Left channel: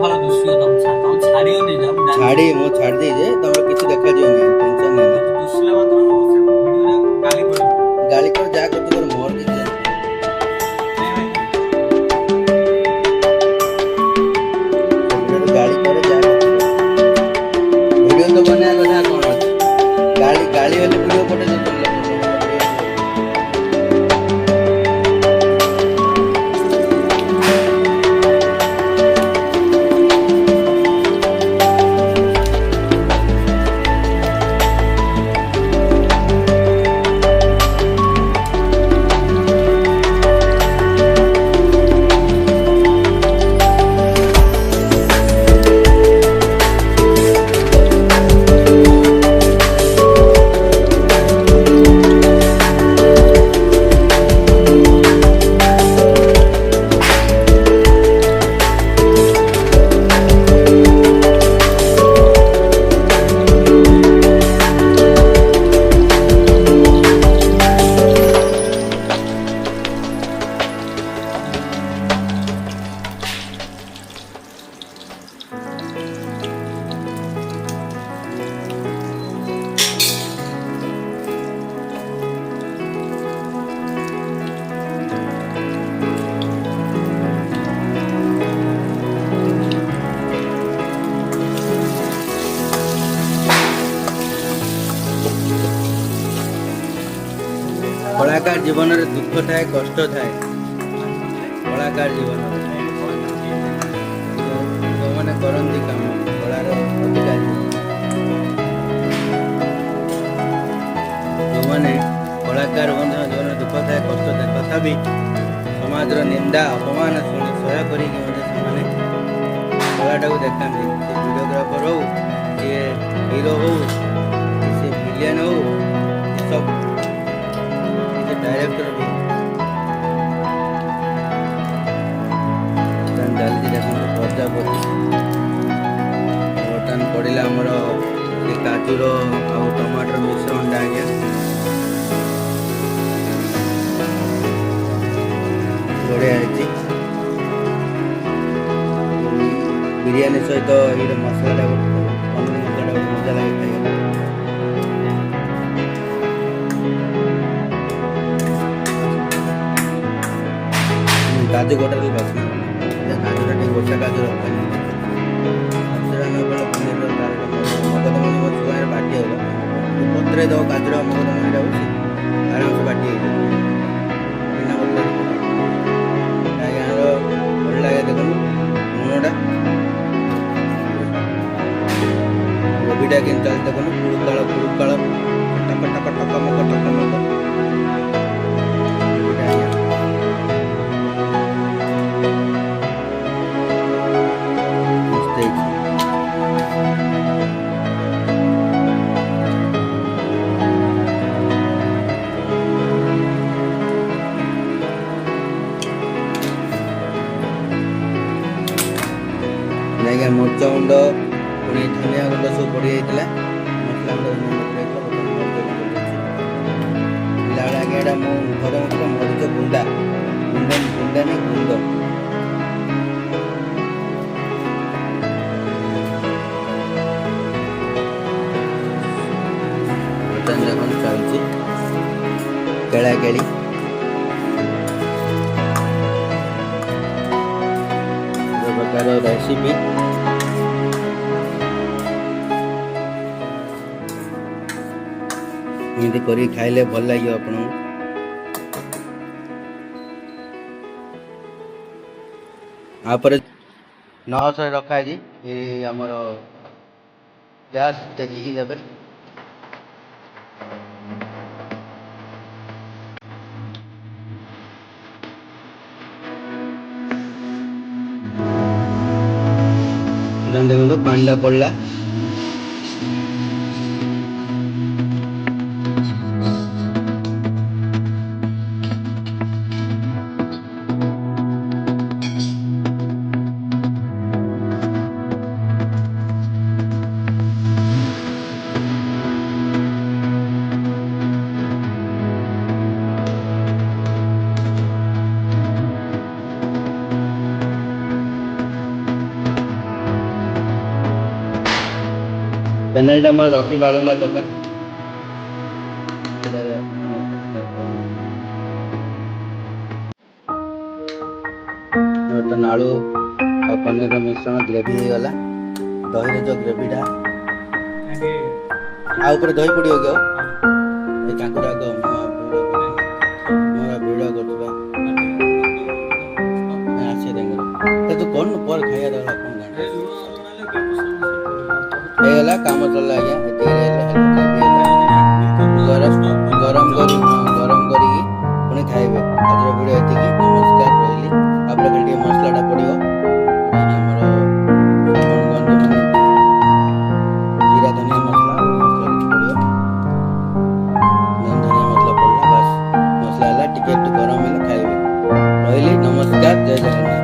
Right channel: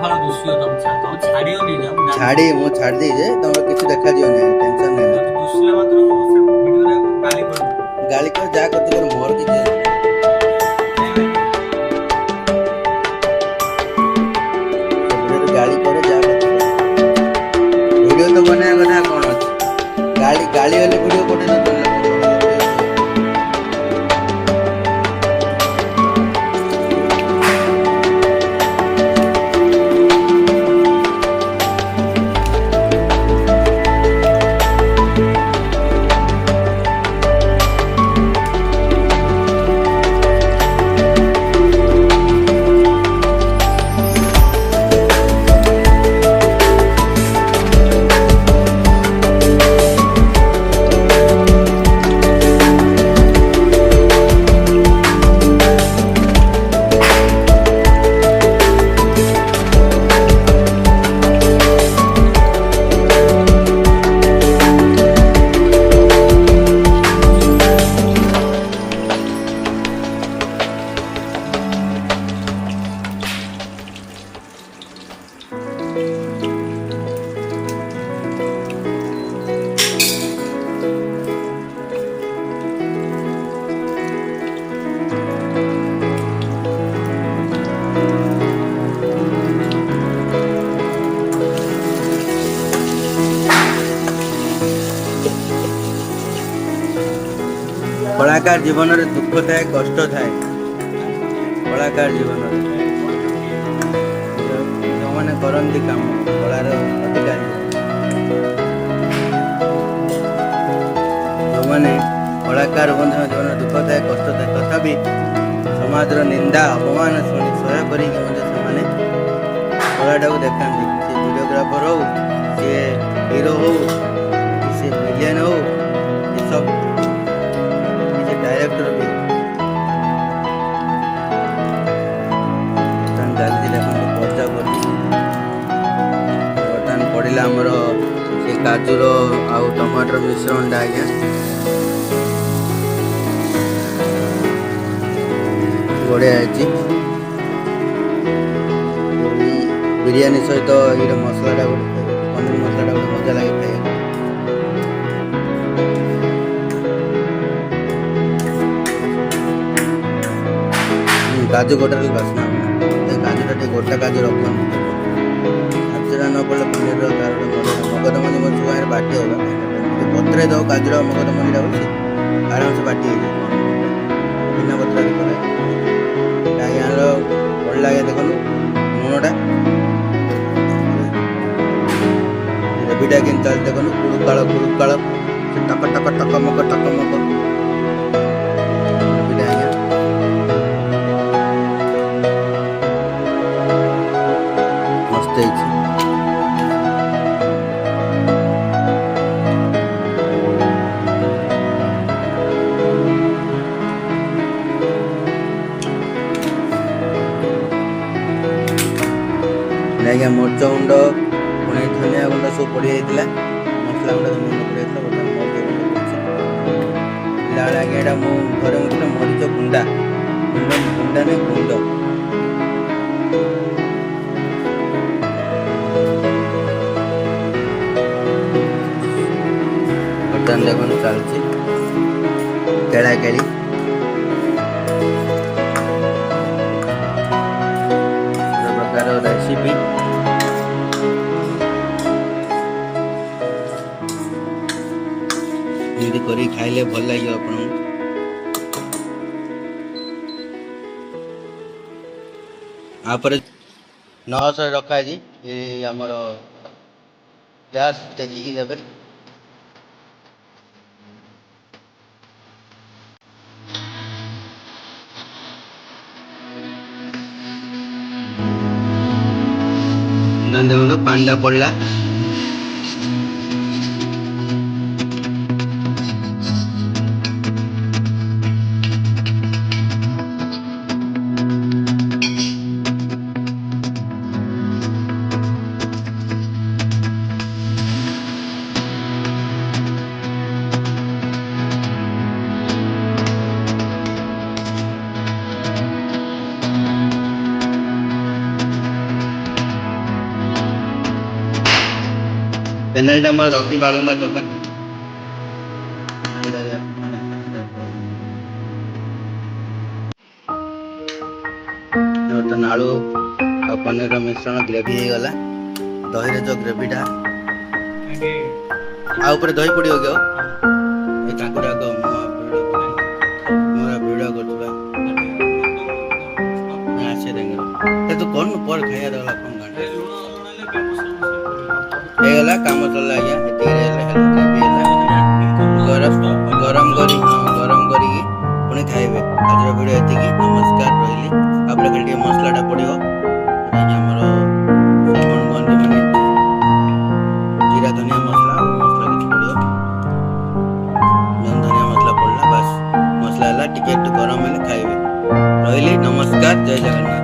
ଫାଳ ଦୁଷିବ ତମ ଛାଡ଼ିବନି ଯା ମୁଁ ଛାଡ଼ି ମୁଁ ଛାଡ଼ି ଦେଇଛେ ତମର କିଛି ଦେଖାଯିବ ନାହିଁ ଟେନସନ୍ ନାହିଁ ନା ଦୁଷିଲା ମାତ୍ର ସେ ଭିଡ଼ିଓରେ ଗାଳି କରିବ ଗାଳି କର ଯାହା କରୁଛୁ କର ମୋର କିଛି ଗାଳି କରେ ଯାହା ଭିଡ଼ିଓ ତ ବନେଇବା କଥା କ'ଣ ଅଛି ଗାଳି ହେଲେ ଭିଡ଼ିଓ ପଠେଇ ଦେବ कलाकार जीवन में दुख थाए कष्ट थाए कलाकार जीवन जो मैंने करती काम कलार अधिकारी जो मैंने कलाकार जीवन में दुख थाए कष्ट थाए तथापि समाज निंदा अपमान शुणी सह्य कर कलाटा को देखा सी वीडियोग्राफर हो सी हीरो हो सी विलियन हो सब डायरेक्टर भी गाली देखो पर्दा कर बर्तमान पड़ा आमर से काजूर आउ टमाटर मिश्रण आज्ञा बढ़िया बिरयानी सहित ये मसलाटा गोटे पनीर मसलाटा गोटे मजा लगे खाई काजू गोटा बास्ना काजूटा टे गोटा काजू रखा काजूरा न पड़े पनीर तार मगधमंजी मोर छुआ बाटी होगा पत्रे दो काजूरा मगधमंजी बोली आराम से बाटी हो बिना पत्र भल लगे देखो लुणटा ग्रेवीटा कि देखो कुड़ुकाल टक टक टक मक आज्ञा मरच गुंड पुणी धनिया गुंड सब पड़ जाता मसला गुंड धनिया गुंड पड़ जाता आज्ञा यहाँ घरे मुझे मरीच गुंडा गुंडा नहीं गुंड बर्तमान देखो चलती केड़ा केड़ी प्रकार रेसिपी एमती कर खाइले भल लगे आप 900 रखा है आमर गैस देखिए देवे देखो पानी पड़ा ପେନାଲ୍ଟି ଆମର ରଖି ବାଳୁଙ୍ଗା ଦୋକାନ। ବର୍ତ୍ତମାନ ଆଳୁ ଆଉ ପନିରର ମିଶ୍ରଣ ଗ୍ରେଭି ହେଇଗଲା। ଦହିରେ ଯୋଉ ଗ୍ରେଭିଟା ଆଉ ଉପରେ ଦହି ପଡ଼ିବ କି ଆଉ ଏ କାକୁଡ଼ାକ ମୋର ଭିଡ଼ିଓ କରୁଥିବା ଆସେ ତାଙ୍କର ତୁ କରୁନୁ ପରେ ଖାଇବା ଦେଲା କ'ଣ ଗାଁରେ ହେଇଗଲା କାମ ଚଳିଲା ଆଜ୍ଞା। ଏତିକିରେ ଗରମ କରିକି ପୁଣି ଖାଇବେ। ଆଜିର ଭିଡ଼ିଓ ଏତିକି। ନମସ୍କାର, ରହିଲି। ତାପରେ ଖାଲି ଟିକେ ମସଲାଟା ପଡ଼ିବ ଆମର ଜିରା ଧନିଆ ମସଲା କିଛି ପଡ଼ିବ। ଧନିଆ ମସଲା ପଡ଼ିଲା ବାସ୍ ମସଲା ହେଲା ଟିକେ ଗରମ ହେଲେ ଖାଇବେ। ରହିଲି, ନମସ୍କାର, ଜୟ ଜଗନ୍ନାଥ।